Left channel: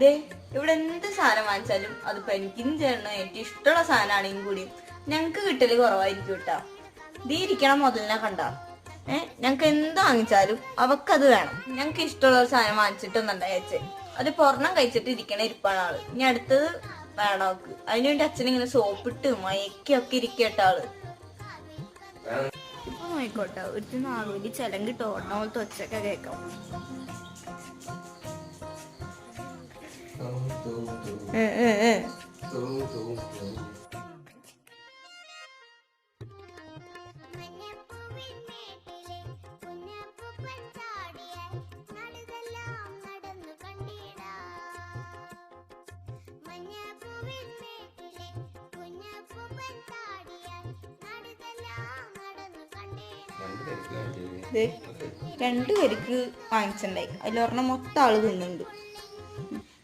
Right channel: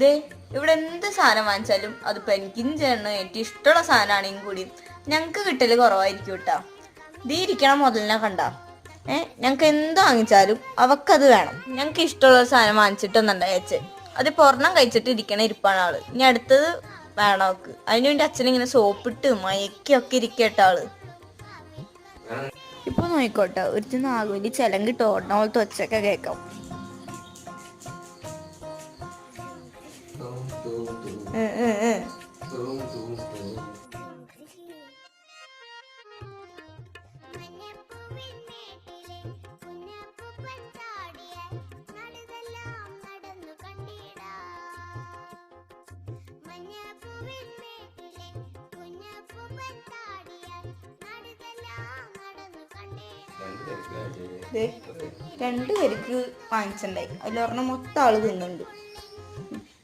ദേ ഇവിടെ എന്ത് സാധനം വാങ്ങിച്ചാലും അതിപ്പോ എനിക്കും ചേട്ടനും എനിക്ക് ഇഷ്ടമുള്ള സാധനമാണെങ്കിൽ കൂടി ഞങ്ങക്ക് കിട്ടല് കുറവായിരിക്കും കേട്ടാ. ദീ ഇരിക്കണ മുതലിനെ കണ്ട ഞങ്ങക്ക് എന്ത് വാങ്ങിച്ചാലും അവക്കത് വേണം. ഞങ്ങക്ക് ഇഷ്ടമുള്ള സാധനം വാങ്ങിച്ചിട്ടൊന്നുണ്ടായച്ചേ അത് പൊറണം കഴിച്ചിട്ട് ഇരിക്കണ ഇരിപ്പാണ് ആള്. ഇനി അടുത്തത് വേണം അവക്ക്. അതിനുവേണ്ടി അച്ഛനിങ്ങനെ സോപ്പിട്ട് മയക്കൊക്കെ ഇരിക്കട്ട ആള്. ഇപ്പൊ നോയിക്കോട്ടെ ഒരു നാഗൂലി ചെലങ്കിട്ട് ഓടണ പോലത്തെ ഒച്ചയൊക്കെ കേൾക്കാം. രണ്ടു പേർക്ക് വാങ്ങിച്ചിട്ടുണ്ടായി. അതിലൊരെണ്ണം മൊത്തം ആള് തിന്നുന്നുണ്ട്.